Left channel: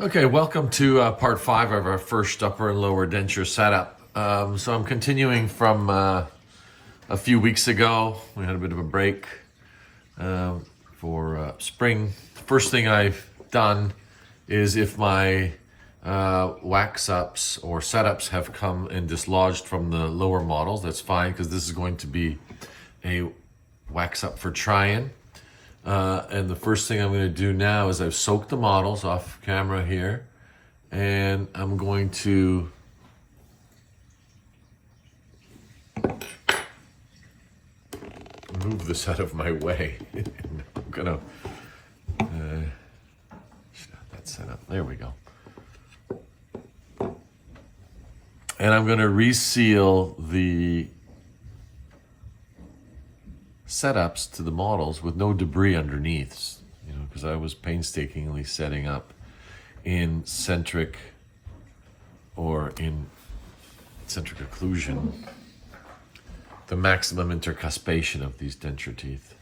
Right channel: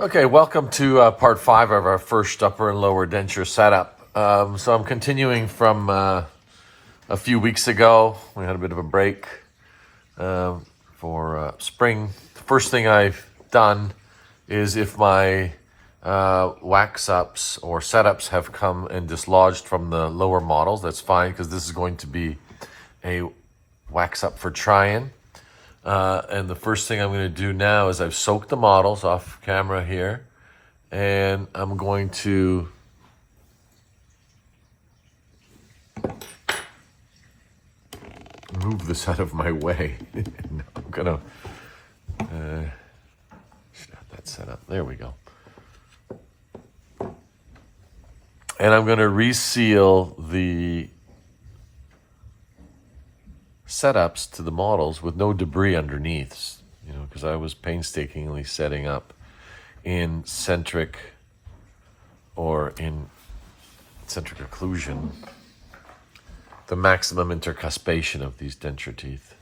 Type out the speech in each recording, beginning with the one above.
Okay, welcome to part 5 of our first upper and lower denture setup. So I'm continuing from a few weeks ago. We had a bit of a break for spring. First thing I've done is if my wax ups or setups have come and dislodged from the lower models, that's fine because this is going to be a wax up for try-in. And the first thing I'm going to do now is I've soaked the models off camera here, and I'm going to move this out of my way. I'm going to have that set up. There we go. And I'm going to reseal the setups to the models with no debris underneath, because I was painstakingly setting up in centric occlusion the maximum intercuspation of these denture teeth.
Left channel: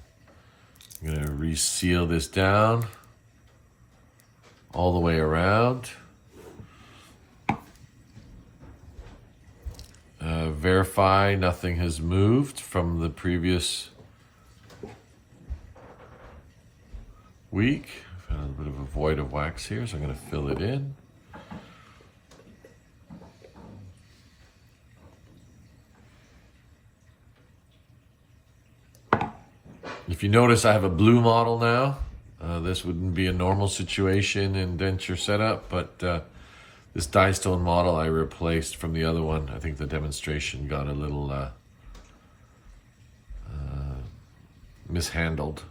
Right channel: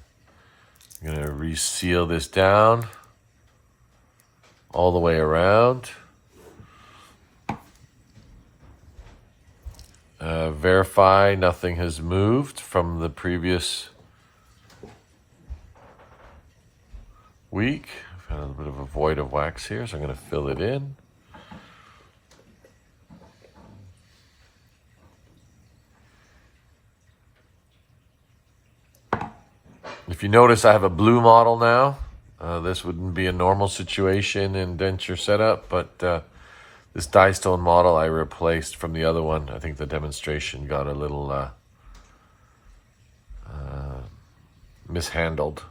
I'm going to reseal this down all the way around. Verify nothing has moved from the previous week. I've got a bit of a void of wax here, so I'm going to fill it in. If you notice, I have a blue model now. This wouldn't be a normal situation in denture setup, but this die-stone model I replaced from the other one. I think the demonstration got a little mishandled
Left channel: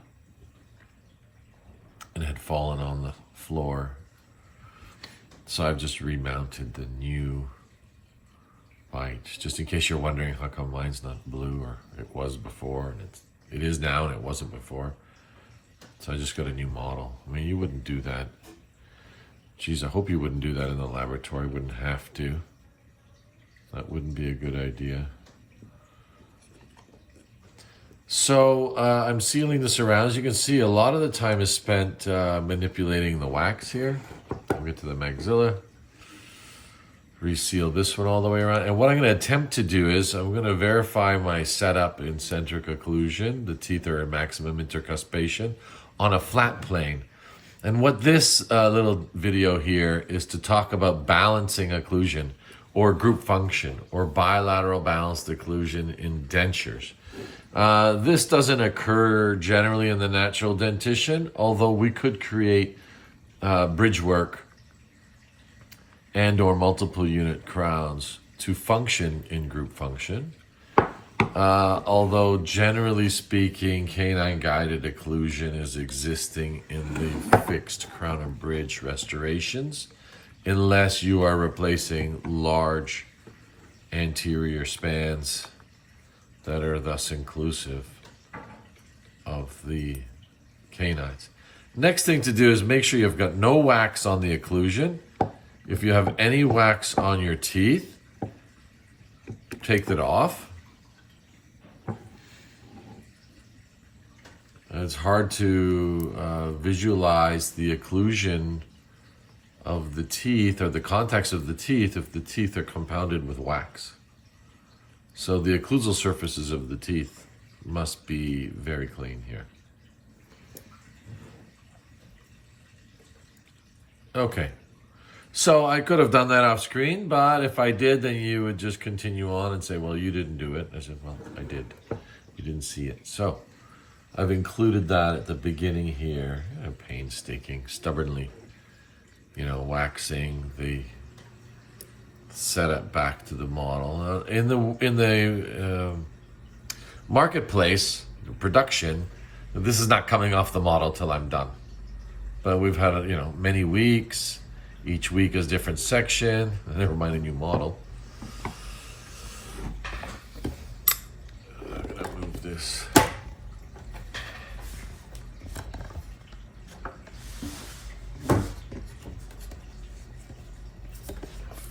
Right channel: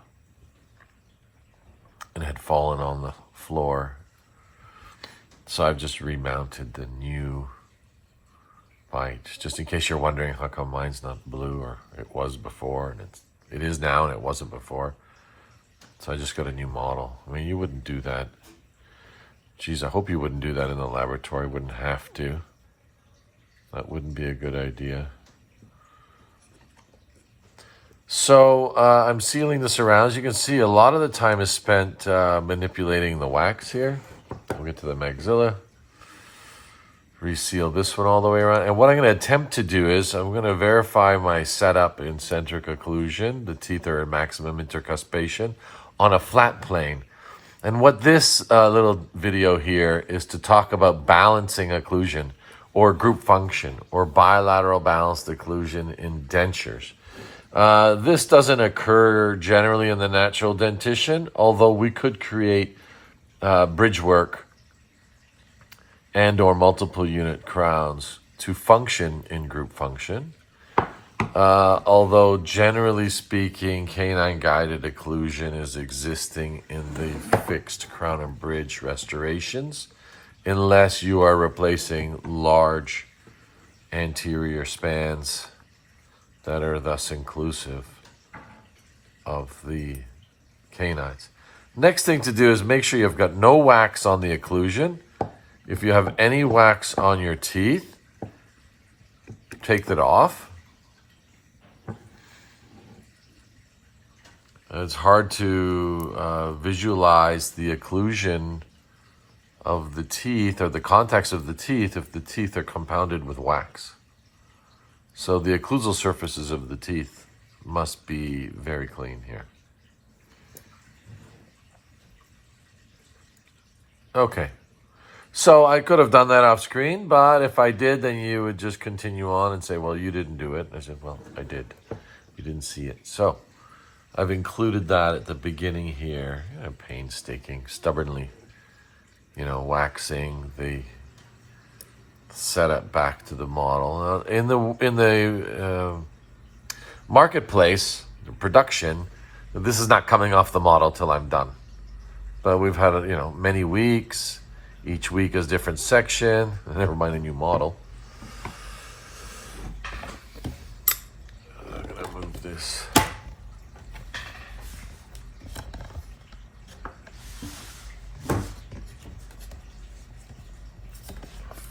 and had fallen on the floor. So I've just remounted the new bite, just in case you're wondering how come mine's not blue, or it was before, and it is now and it wasn't before. So I just got a new model. I mean, you wouldn't do that. Geez, I hope you wouldn't do that in the laboratory. Wouldn't have to. That wouldn't be a good idea. So I'm sealing this around. As you can see, a lot of the time is spent manipulating the wax here. I'll get to the maxilla. Reseal this one all the way around. And what I'm going to attempt to do is I'm going to verify my setup in centric occlusion. The teeth are at maximum intercuspation on a flat plane. And what this little video here is to talk about balancing occlusion or group function or bilateral balanced occlusion in dentures. This doesn't occur generally in the natural dentition, although we could create bridge work and or multiple unit crowns to function in group function. Although generally speaking, canine guided occlusion is existing in the fixed crown and bridge restorations, unless you are replacing large anterior spans that are thus inclusive of the canines. Next thing to do is make sure you've got no wax on the occlusion. If you have any wax on your teeth, take that off. It's hard to visualize the occlusion of the teeth or the contacts of the teeth if the teeth are compounded with wax. So the occlusal surfaces of the teeth must be very clean here. Okay, so I could have done that off screen, but if I did, then you would just continue on and say, well, you didn't do it. I said, well, I did. You didn't see it. So I've included that at the beginning here. Painstaking, stubbornly, waxing the setup back to the model. In the marketplace, the production, this is not coming off the model till I'm done. But we've had many weeks. Each week is a different section. Never mind a new model. I'm gonna move this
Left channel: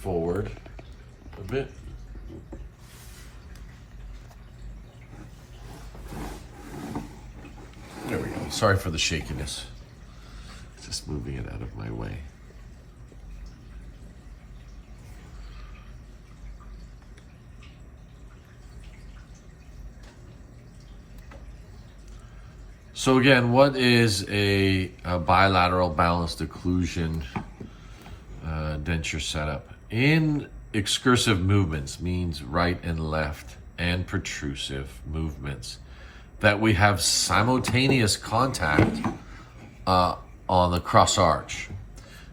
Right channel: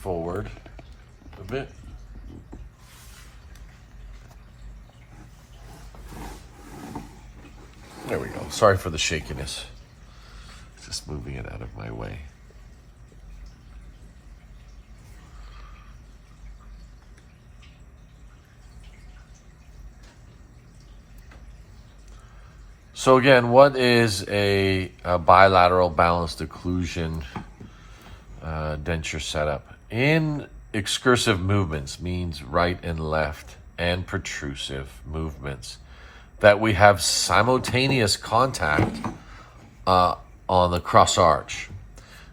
forward a bit. There we go. Sorry for the shakiness. Just moving it out of my way. So again, what is a bilateral balanced occlusion denture setup? In excursive movements, means right and left, and protrusive movements, that we have simultaneous contact on the cross arch.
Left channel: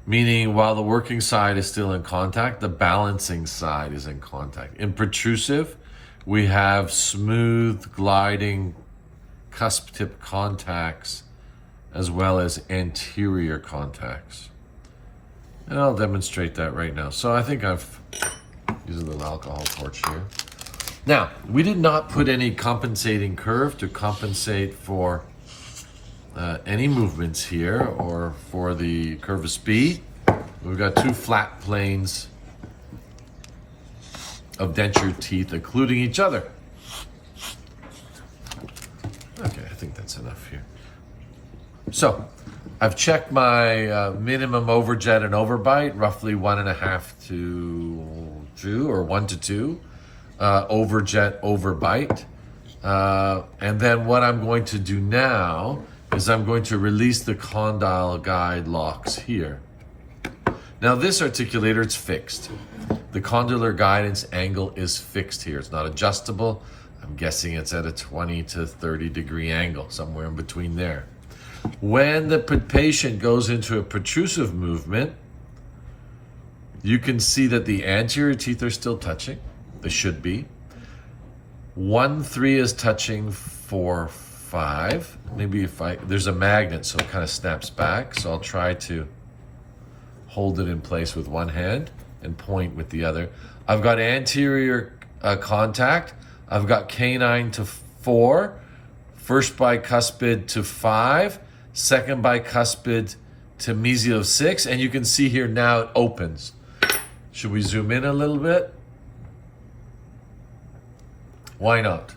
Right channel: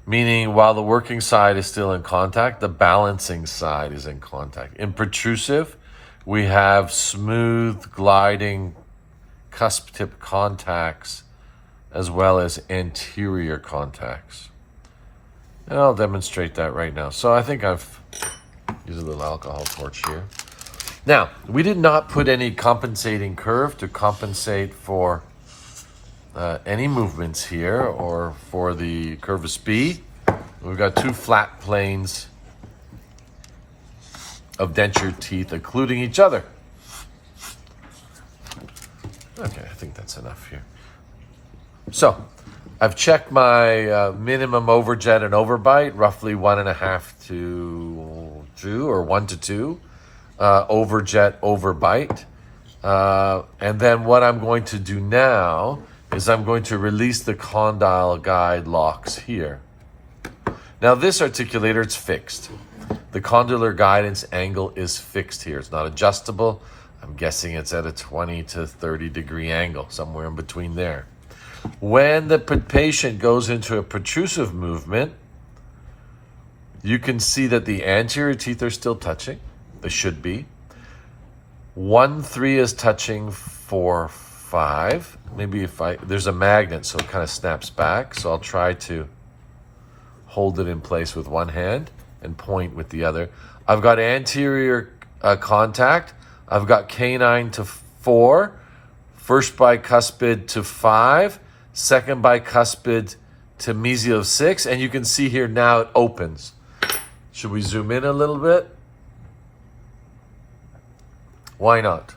Meaning while the working side is still in contact, the balancing side is in contact. In protrusive, we have smooth gliding cusp tip contacts as well as anterior contacts. And I'll demonstrate that right now. So I think I've used a little alcohol torch here. Now, we did not put any compensating curve to compensate for any movements here or for the curve of speed. We've got two flat planes of denture teeth occluding each other. Okay, I think that's enough here. So, I've checked my minimum overjet and overbite, roughly 1.5 to 2 or 1 to 2 overjet overbite. And then what I'm going to do now is I'm going to release the condyle guide locks here. Now this articulator, it's fixed. The condylar guidance angle is fixed here. It's not adjustable. I'm guessing it's at a 20 to 30 degree angle, somewhere in between there. When the patient goes into a protrusive movement, you can see that the anterior teeth are still touching. They should be. 1-3 is touching 4-5. Maybe there's a magnet, so it kind of snaps back. So I'll try to hold it in place with one hand and point with the other. I've got anterior contact. I've got canine to 4, first bicuspid to 5, second bicuspid to mesial 6, and you can see here now it opens. Should we zoom in a little bit? Why not?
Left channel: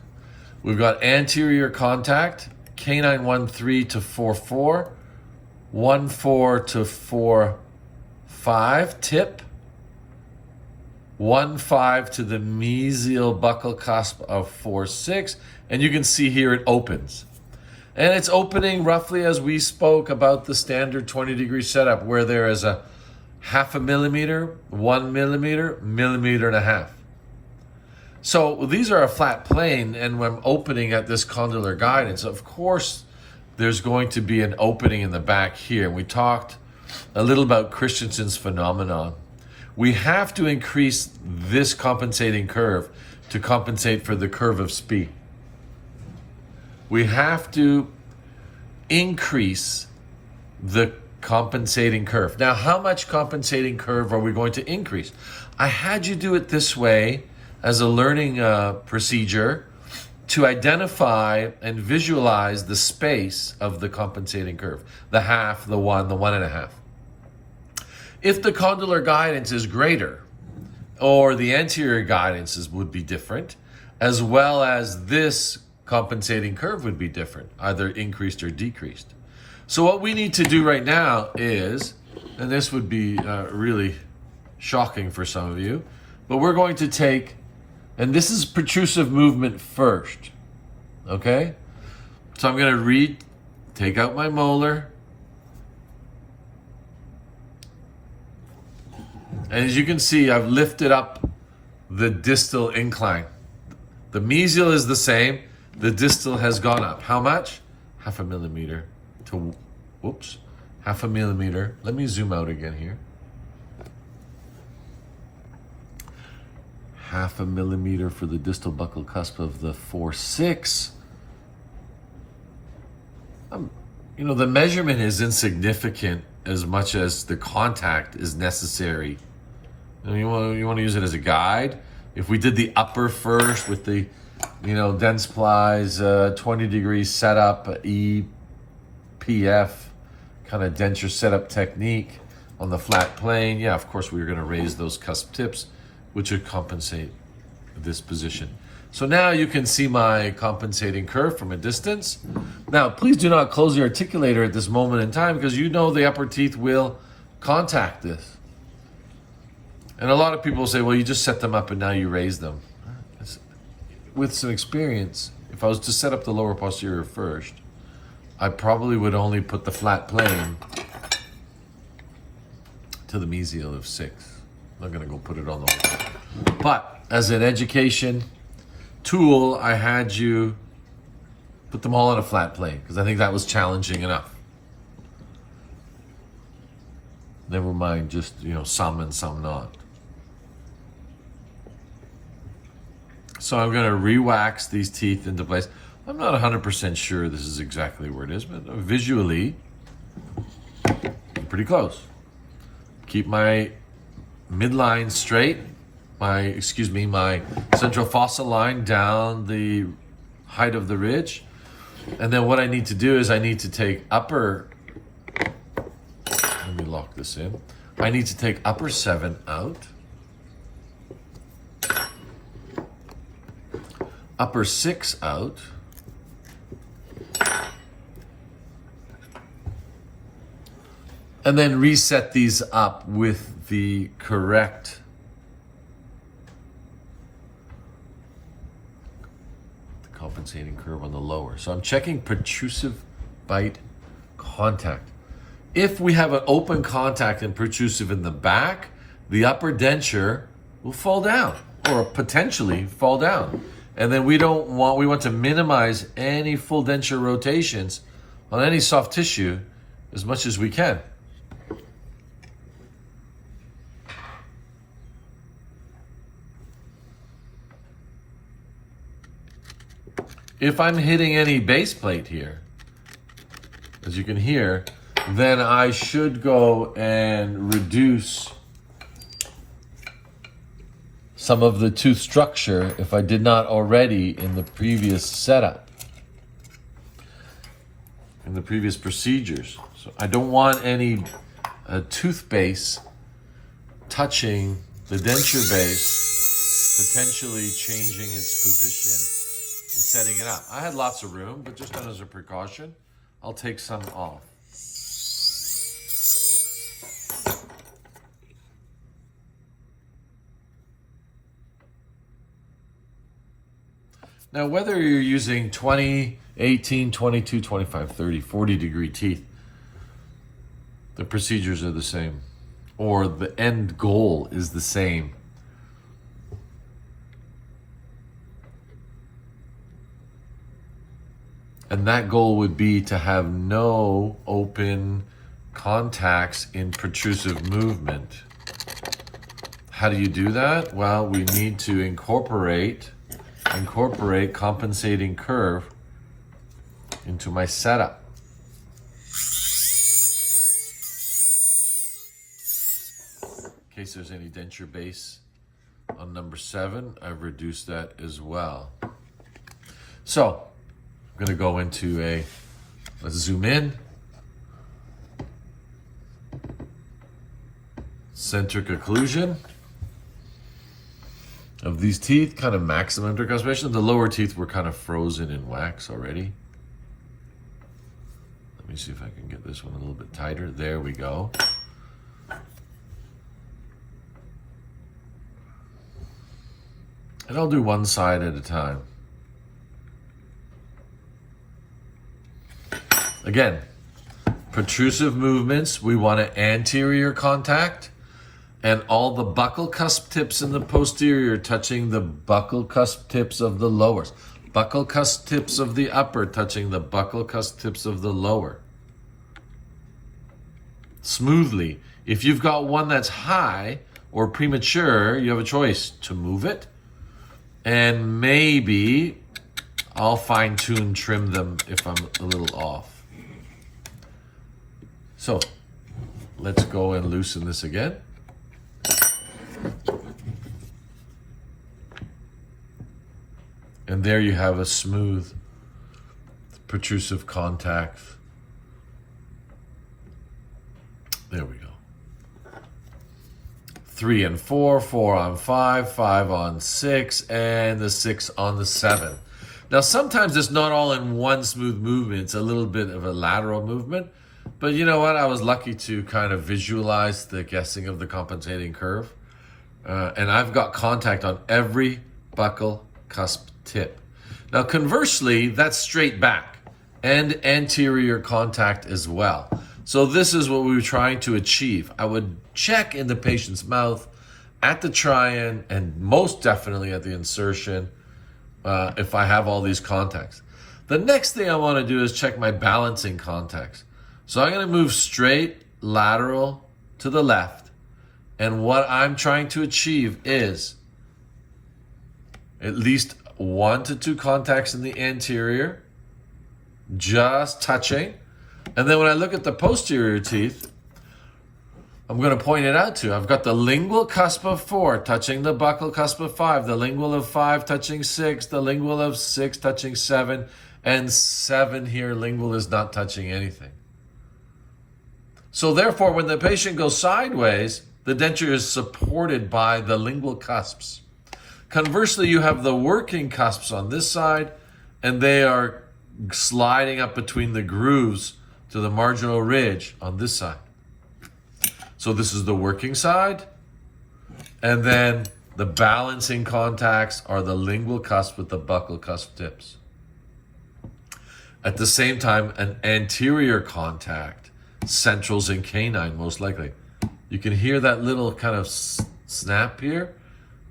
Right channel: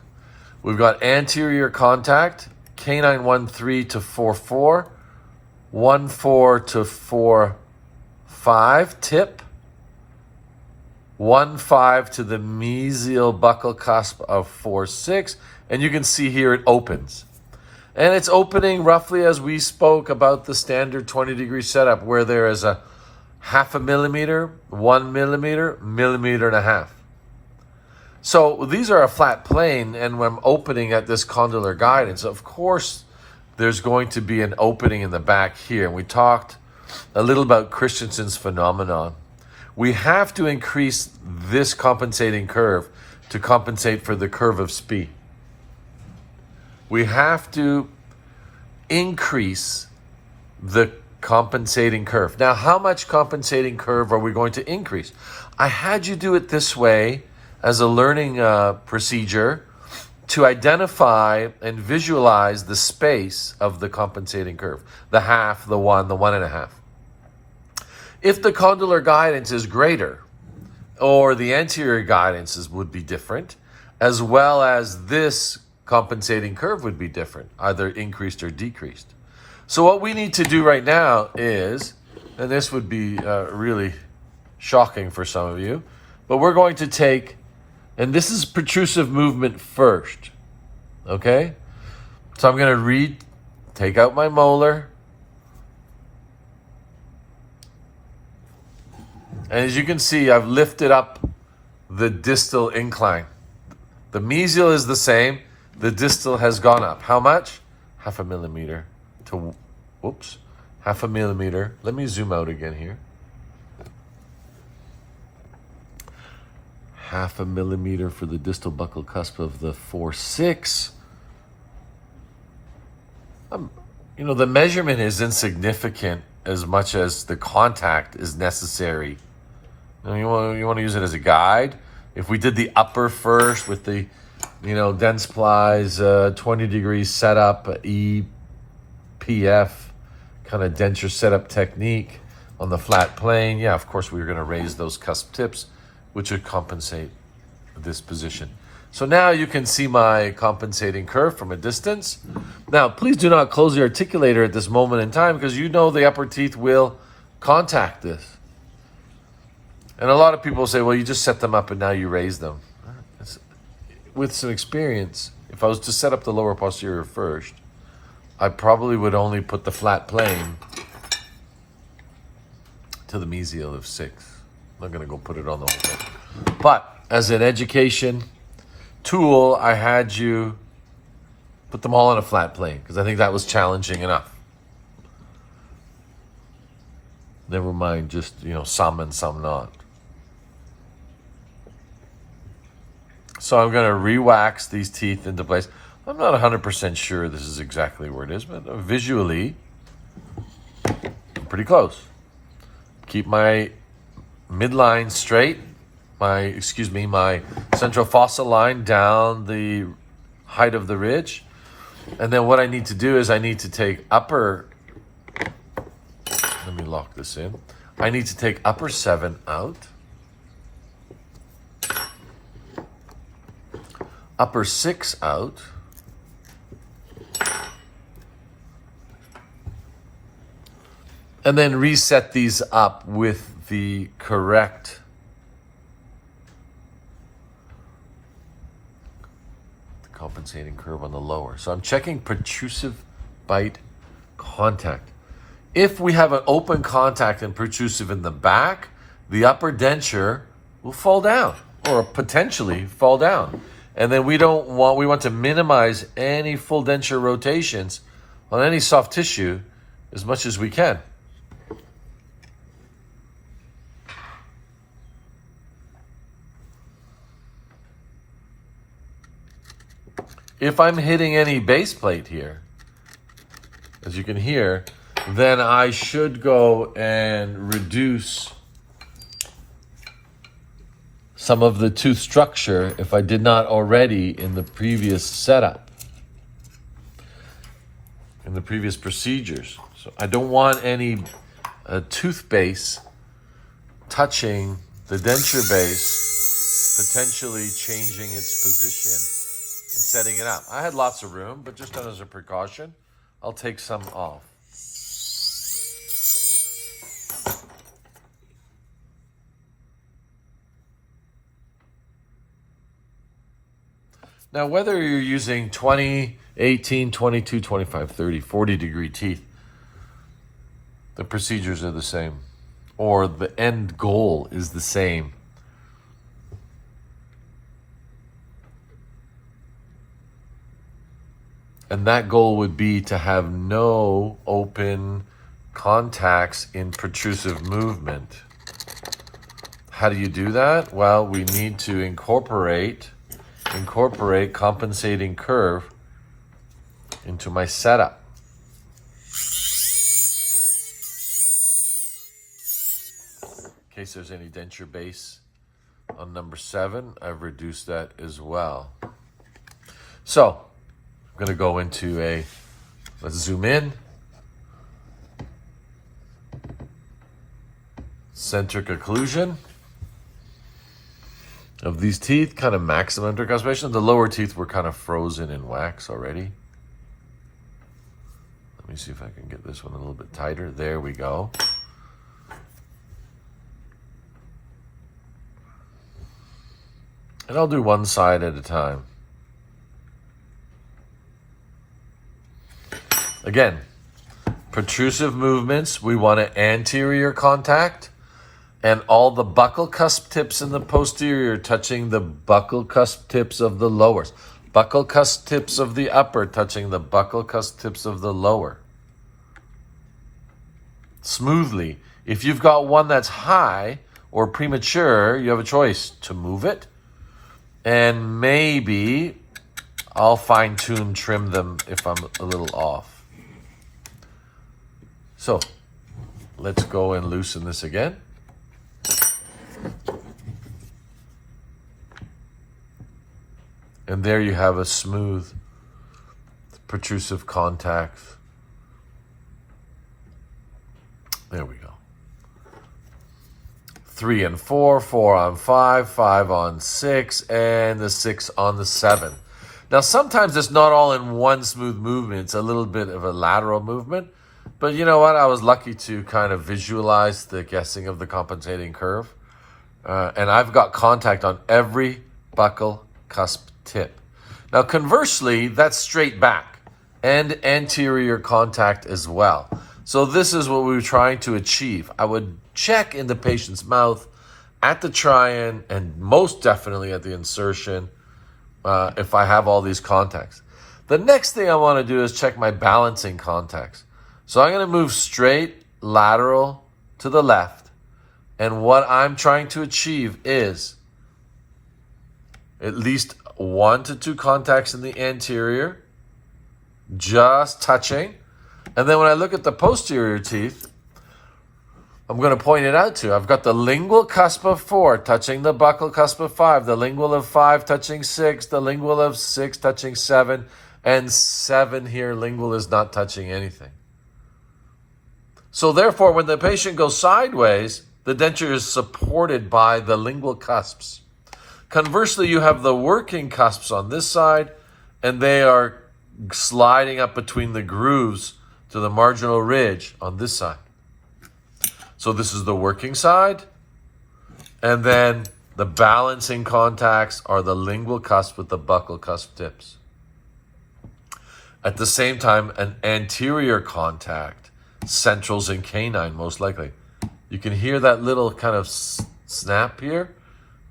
We've got anterior contact, canine 1-3 to 4-4, 1-4 to 4-5 tip, 1-5 to the mesial buccal cusp of 4-6, and you can see here it opens. And it's opening roughly as we spoke about the standard 20-degree setup, where there is a 0.5 millimeter, 1 millimeter, 1.5 millimeters. So these are a flat plane, and when I'm opening at this condylar guidance, of course, there's going to be an opening in the back here. And we talked a little about Christensen's phenomenon. We have to increase this compensating curve to compensate for the curve of speed. We have to increase the compensating curve. Now, how much compensating curve are we going to increase? I had you do it this way as a learning procedure to identify and visualize the space of the compensating curve, the 0.5, the 1, the 1.5. If the condylar guidance is greater, or the anterior guidances would be different, as well as this compensating curve would be different, either increased or decreased. So what we need to do right now is, and this would be really shocking for some of you, but we're going to take, and this is protrusive movement first, okay? So I'm going to take out my molar. And as you can see, I've lifted up the distal incline. The mesial is the same. The distal has gone up. How much? 0.5 millimeter to, 0.5 millimeter. Let me zoom out again here. 0.5 millimeter for the distal buccal cusp of the 4-6. The measurement is insignificant as much as the contact is necessary. You want to use it as a guide. If we did the upper first with the, Dentsply's 20 degrees setup, EPF kind of denture setup technique on the flat plane, yeah, of course we were going to raise those cusp tips, which would compensate this position. So now you can see my compensating curve from a distance. Now, please do not close the articulator at this moment in time, because the upper teeth will contact this. And a lot of people say, well, you just set them up and now you raise them. With some experience, if I was to set up the lower posterior first, I probably would only put the flat plane to the mesial of 6. I'm not going to go put it on the wall. But as an education tool, I had you put them all on a flat plane because I think that was challenging enough. Never mind just, some and some not. So I'm going to re-wax these teeth into place. I'm not 100% sure this is exactly where it is, but visually, I'm pretty close. Keep my midline straight, my central fossa line down the height of the ridge. And then what I need to do is I need to take let me lock this in. I need to take upper 7 out. Upper 6 out. And then reset these up with the correct compensating curve on the lower. So I'm checking protrusive bite contact. If we have an open contact and protrusive in the back, the upper denture will fall down or potentially fall down. And then we want to minimize any full denture rotations on any soft tissue as much as we can. If I'm hitting any base plate here, as you can hear, then I should go and reduce some of the tooth structure if I did not already in the previous setup, in the previous procedures. So I don't want any tooth base touching the denture base, potentially changing its position and setting it up. I had lots of room, but just as a precaution, I'll take some off. Now, whether you're using 20, 18, 22, 25, 30, 40 degree teeth, the procedures are the same, or the end goal is the same. And that goal would be to have no open contacts in protrusive movement. How do you do that? Well, we need to incorporate compensating curve into my setup. In case there's any denture base on number 7, I've reduced that as well. So I'm going to go into let's zoom in. Centric occlusion of these teeth, kind of maximum intercuspation. The lower teeth were kind of frozen in wax already. Let me see if I can get this one a little bit tighter. There we go. And I'll do one side at a time. Again, protrusive movements, we want an anterior contact and all the buccal cusp tips in the posterior touching the buccal cusp tips of the lowers. Buccal cusp tips of the upper touching the buccal cusp tips of the lower. Smoothly. If you've got one that's high or premature, you have a choice to move it. And maybe I'll fine-tune, trim them if I'm a little off. So let's go and loosen this again. And there you have a smooth protrusive contact. There we go. 3 and 4, 4 on 5, 5 on 6, and the 6 on the 7. Now sometimes it's not all in one smooth movement, it's a little bit of a lateral movement. But you know what? I was lucky to kind of visualize the guessing of the compensating curve. And I've got contact on every buccal cusp tip. Now, conversely, that's straight back. and anterior contact as well. So this is what we were trying to achieve. I would check in the patient's mouth at the try-in and most definitely at the insertion if I have all these contacts. The next thing I want to do is check my balancing contacts. So I'm going to move straight lateral to the left. And what I'm trying to achieve is at least 1 to 2 contacts in the anterior, just touching. And then when I look at the posterior teeth, I'm going to point it out to you. I've got the lingual cusp of 4 touching the buccal cusp of 5, the lingual of 5 touching 6, the lingual of 6 touching 7, and 7 here, lingual is not touching anything. So therefore, when the patient goes sideways, the denture is supported by the lingual cusps. Conversely, you have the working cusps on this side, and they are sliding up between the grooves to the marginal ridge on this side. So this is the working side, and then the balancing contacts are the lingual cusp with the buccal cusp tips. At the same time, an anterior contact, centrals and canine most likely. You can hear that little kind of snap here.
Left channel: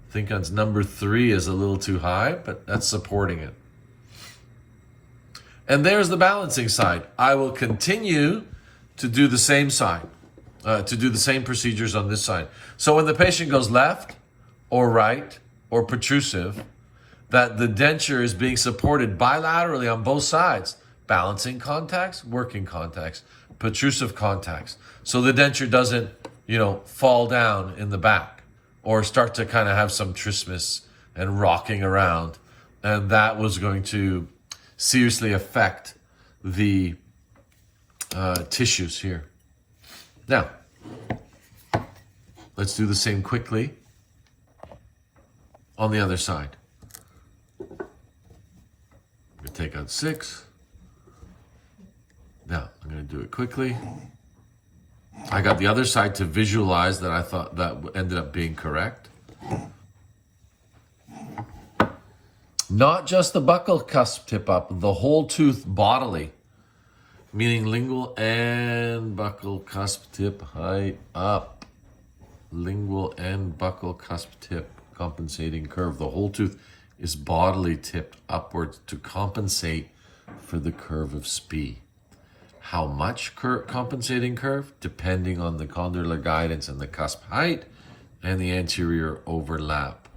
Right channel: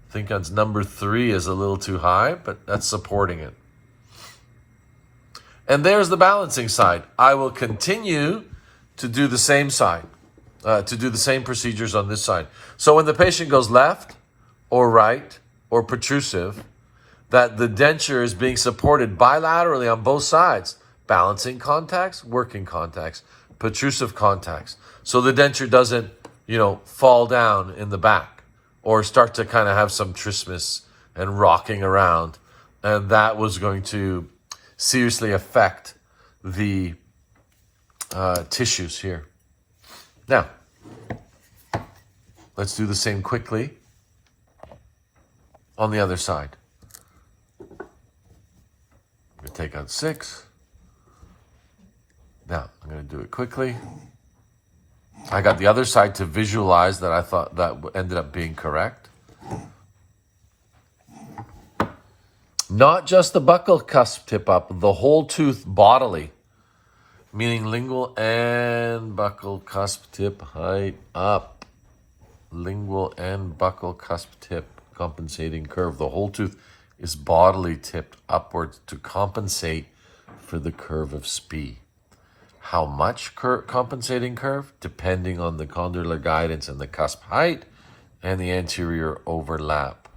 I think on number 3 is a little too high, but that's supporting it. And there's the balancing side. I will continue to do the same side, to do the same procedures on this side. So when the patient goes left or right or protrusive, that the denture is being supported bilaterally on both sides. Balancing contacts, working contacts, protrusive contacts. So the denture doesn't, fall down in the back or start to kind of have some trismus and rocking around. And that was going to seriously affect the tissues here. Now, let's do the same quickly on the other side. I'm going to take out 6. Now, I'm going to do it quickly. I got the other side to visualize that I thought that ended up being correct. Not just the buccal cusp tip up, the whole tooth bodily, meaning lingual and buccal cusp tip height up. Lingual and buccal cusp tip compensating curve. The whole tooth is bodily tipped upwards to compensate for the curve of SPE. How much compensating curve? Depending on the condylar guidance and the cusp height and the anterior overlap.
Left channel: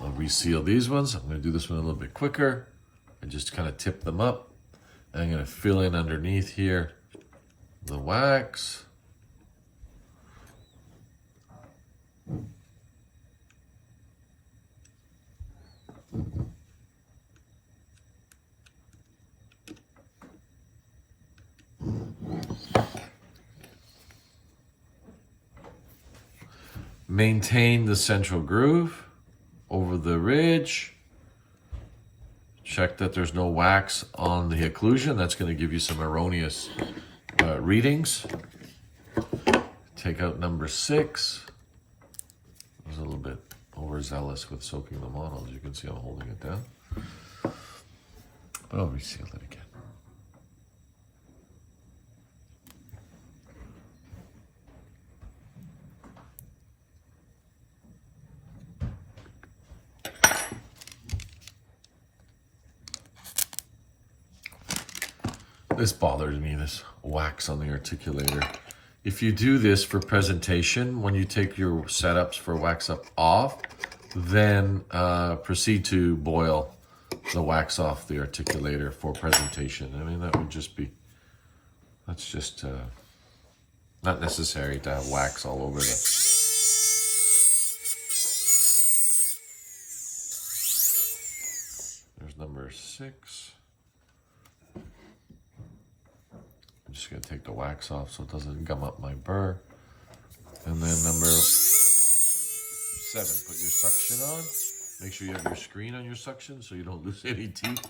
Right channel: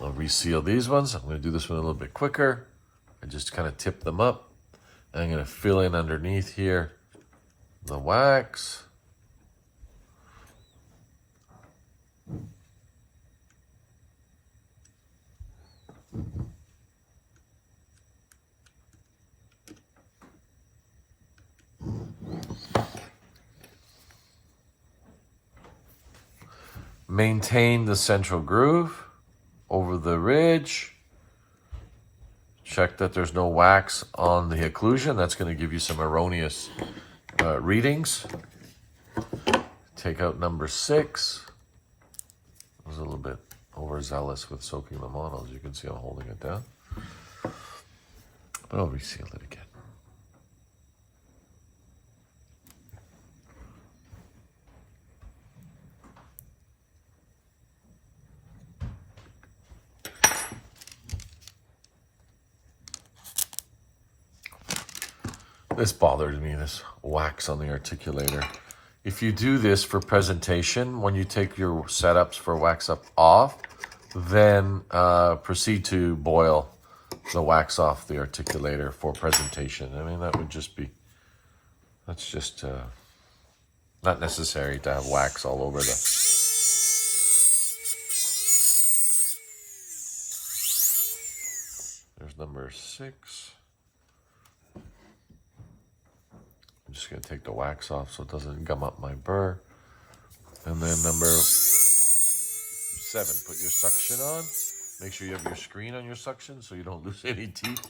I'll reseal these ones. I'm going to do this one a little bit quicker. I just kind of tip them up. And I'm going to fill in underneath here the wax. Maintain the central groove over the ridge. Check that there's no wax on the occlusion. That's going to give you some erroneous readings. Take out number 6. I was a little bit overzealous with soaking them on. As you can see, I'm holding it down. But I'll reseal it again. This bothers me, this wax on the articulator. If you do this for presentation, when you take your setups for wax up off, then proceed to boil the wax off the articulator for presentation. I mean, that would just be, that's just not necessary to have wax all over the... There's number 6. I'm just going to take the wax off so it doesn't gum up my burr. And then number 7, put your suction on. Make sure you have your screen on your suction so you don't lose any teeth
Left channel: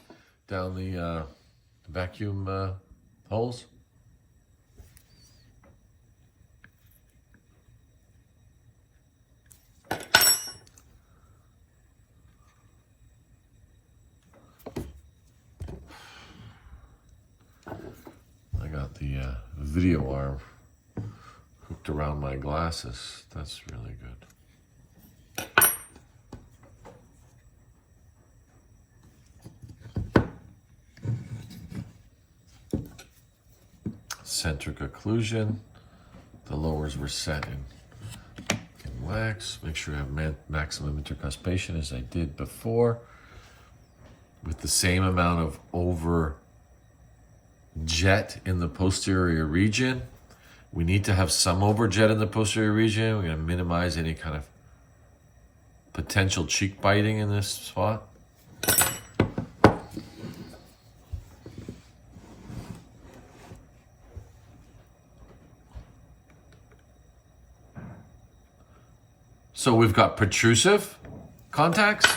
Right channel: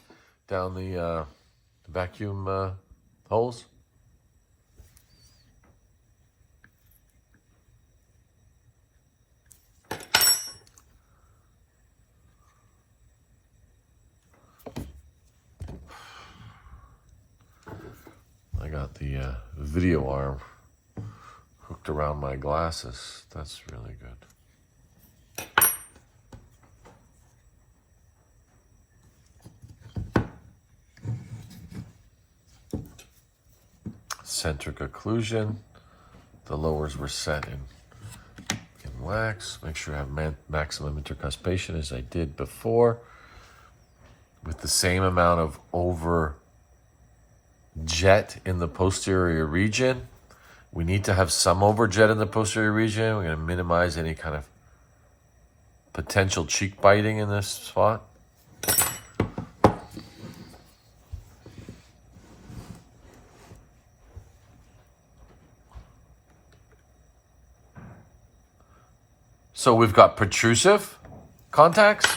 down the vacuum holes. got the video arm hooked around my glasses. That's really good. Centric occlusion. The lowers were set in wax. Make sure I have maximum intercuspation as I did before, with the same amount of over jet in the posterior region. We need to have some over jet in the posterior region. We're going to minimize any kind of potential cheek biting in this spot. So we've got protrusive contacts,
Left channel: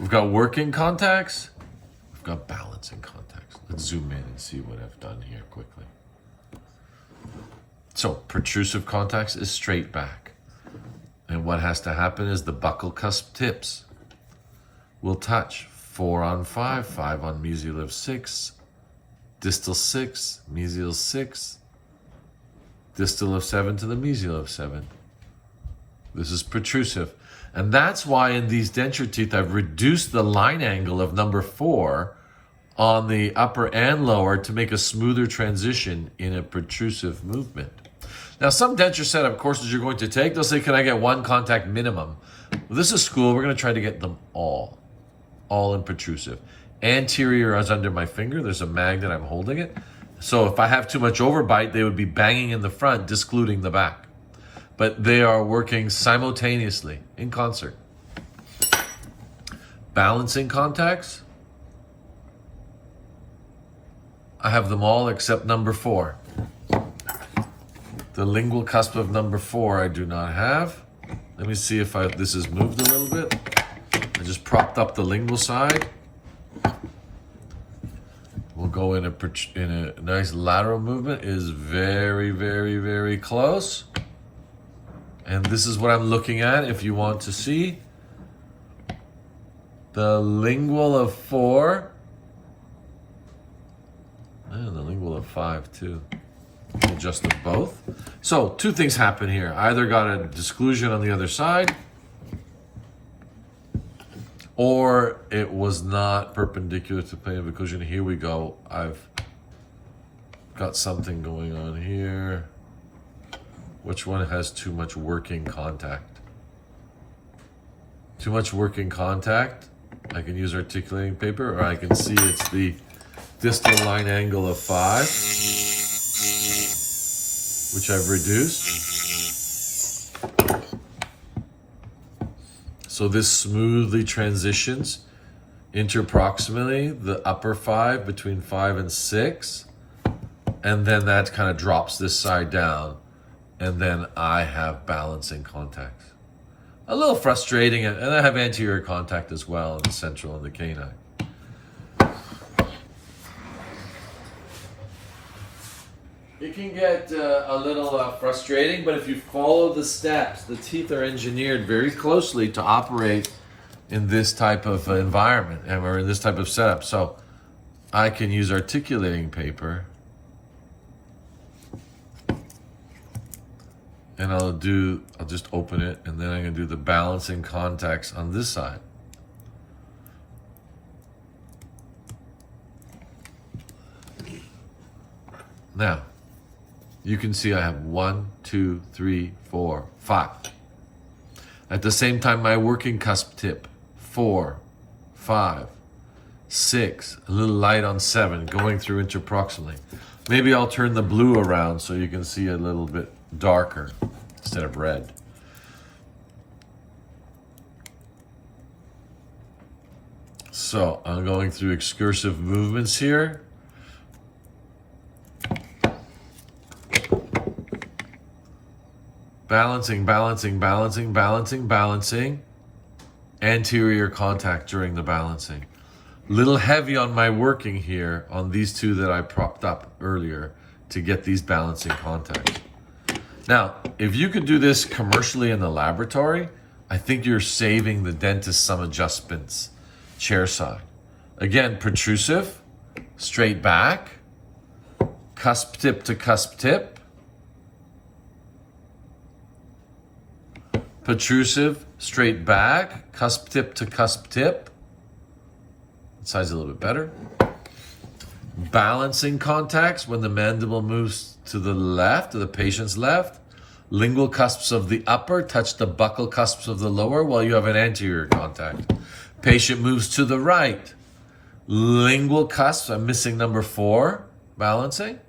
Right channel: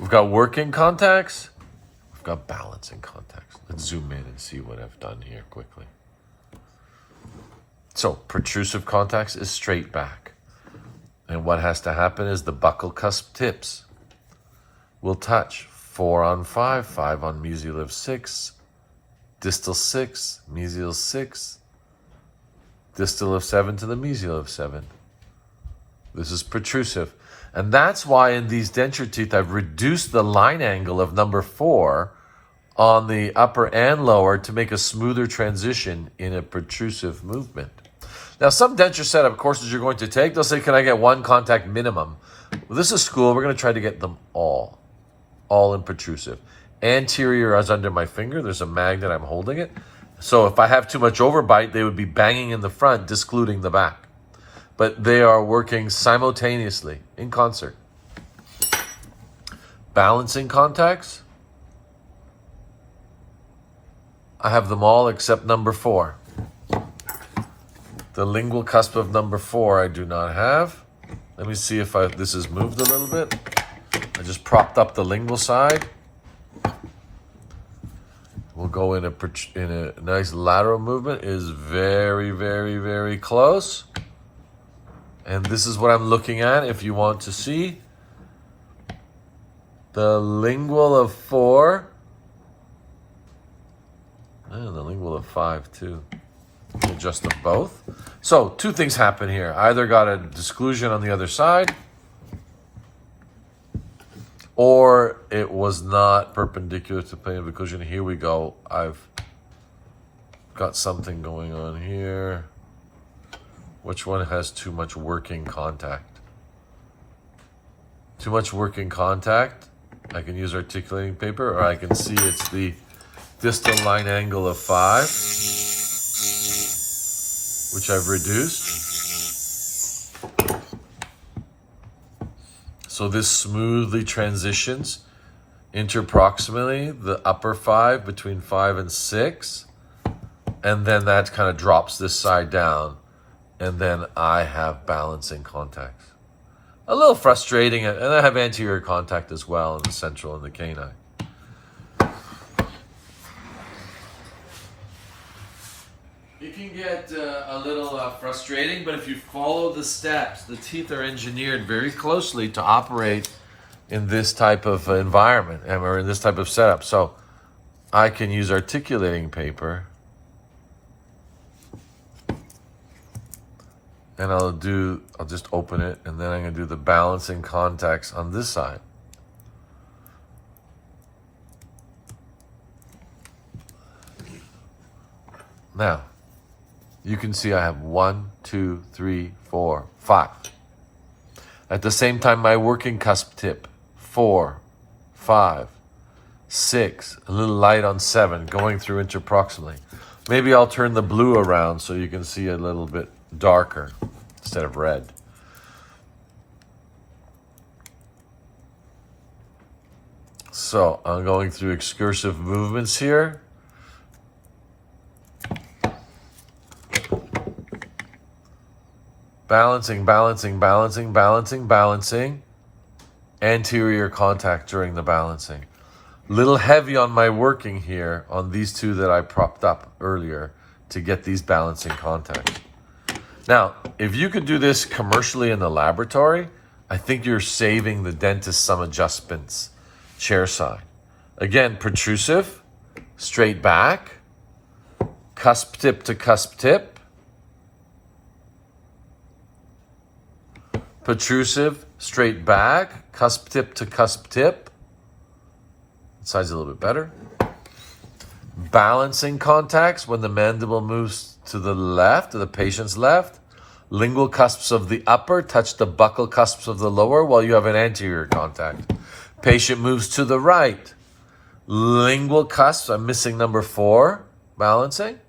we've got working contacts, we've got balancing contacts. Let's zoom in and see what I've done here quickly. So protrusive contacts is straight back. And what has to happen is the buccal cusp tips will touch 4 on 5, 5 on mesial of 6, distal 6, mesial 6, distal of 7 to the mesial of 7. This is protrusive. And that's why in these denture teeth, I've reduced the line angle of number 4 on the upper and lower to make a smoother transition in a protrusive movement. Now, some denture setup courses you're going to take, they'll say, can I get 1 contact minimum? Well, this is school. We're going to try to get them all in protrusive. Anterior is under my finger. There's a magnet. I'm holding it. So if I have too much overbite, they would be banging in the front, discluding the back. But they are working simultaneously in concert. Balancing contacts, I have them all except number 4. The lingual cusp of number 4 I do not have. Let me see if this has moved a little bit. I just propped up the lingual side. We'll go in a nice lateral movement. It is very, very, very close. And this is what I'm looking at if you want to see. The lingual of 4. And the lingual of 5 too. Adjust them both. So 2 things happen here. Either got a disclusion on the other side, or it was not perpendicular to the plane of occlusion. Here we go. I've got something going on here. Which one has too much working contact? Too much working contact. I can use articulating paper, or I can see it's the distal line angle of 5, which I've reduced. So this smoothly transitions interproximally, the upper 5 between 5 and 6, and then that kind of drops this side down. And then I have balancing contacts. A little frustrating, and I have anterior contact as well in the central and the canine. It can get a little frustrating, but if you follow the steps, the teeth are engineered very closely to operate in this type of environment, and we're in this type of setup. So I can use articulating paper. And I'll just open it, and then I'm gonna do the balancing contacts on this side. Now, you can see I have 1, 2, 3, 4, 5. At the same time, my working cusp tip, 4, 5, 6, a little light on 7, going through interproximally. Maybe I'll turn the blue around so you can see a little bit darker instead of red. So I'm going through excursive movements here. Balancing, balancing, balancing, balancing, balancing. Anterior contact during the balancing. Little heavy on my working here on these 2 that I propped up earlier to get these balancing contacts. Now, if you could do this commercially in the laboratory, I think you're saving the dentist some adjustments, chair side. Again, protrusive, straight back, cusp tip to cusp tip, protrusive, straight back, cusp tip to cusp tip. That side's a little bit better. Balancing contacts when the mandible moves to the left, to the patient's left. Lingual cusps of the upper touch the buccal cusps of the lower while you have an anterior contact. Patient moves to the right. Lingual cusps, I'm missing number 4, balancing.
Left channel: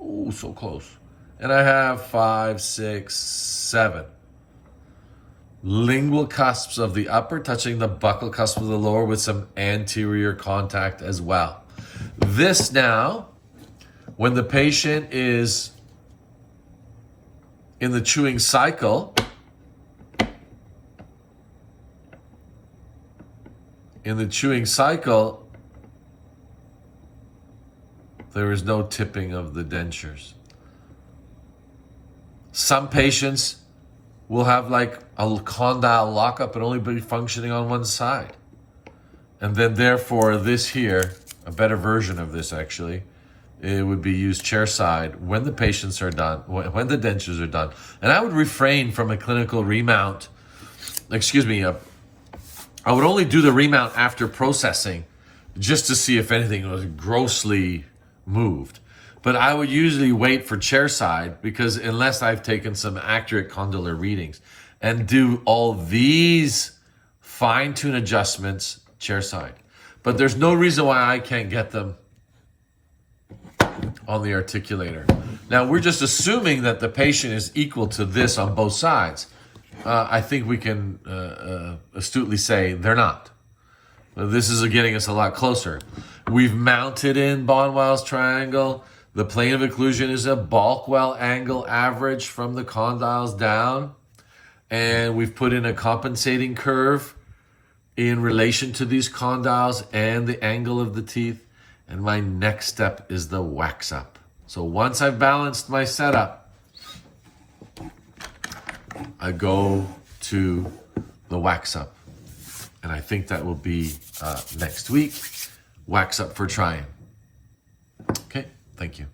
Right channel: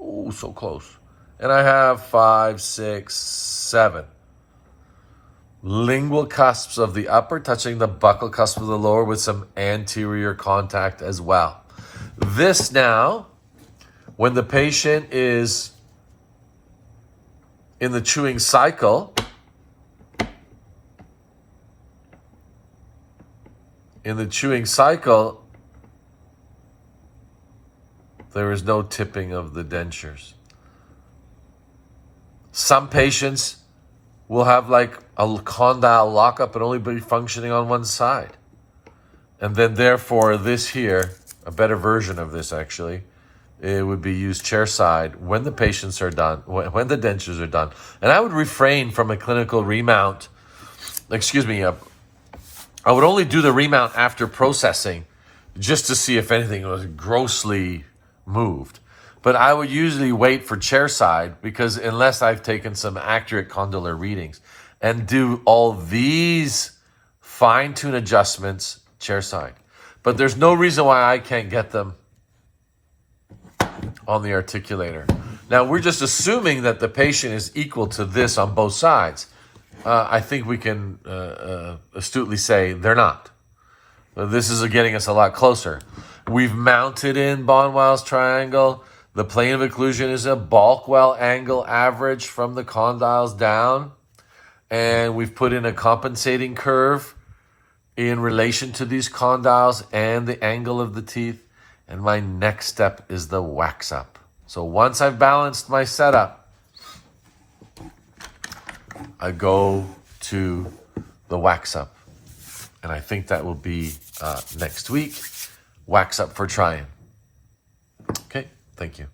Oh, so close. And I have 5, 6, 7. Lingual cusps of the upper touching the buccal cusp of the lower with some anterior contact as well. This now, when the patient is in the chewing cycle, there is no tipping of the dentures. Some patients will have like a condyle lockup and only be functioning on one side. And then therefore this here, a better version of this actually, it would be used chair side when the patients are done, when the dentures are done. And I would refrain from a clinical remount. I would only do the remount after processing just to see if anything was grossly moved. But I would usually wait for chair side because unless I've taken some accurate condylar readings and do all these fine-tune adjustments chair side. But there's no reason why I can't get them on the articulator. Now, we're just assuming that the patient is equal to this on both sides. I think we can astutely say they're not. This is getting us a lot closer. We've mounted in Bonwell's triangle. The plane of occlusion is a Balkwell angle average from the condyles down. And we've put in a compensating curve in relation to these condyles and the angle of the teeth. And my next step is the wax up. So once I've balanced my setup, I go to the wax up. And I think that will be next week. Wax up for trying. Okay, thank you.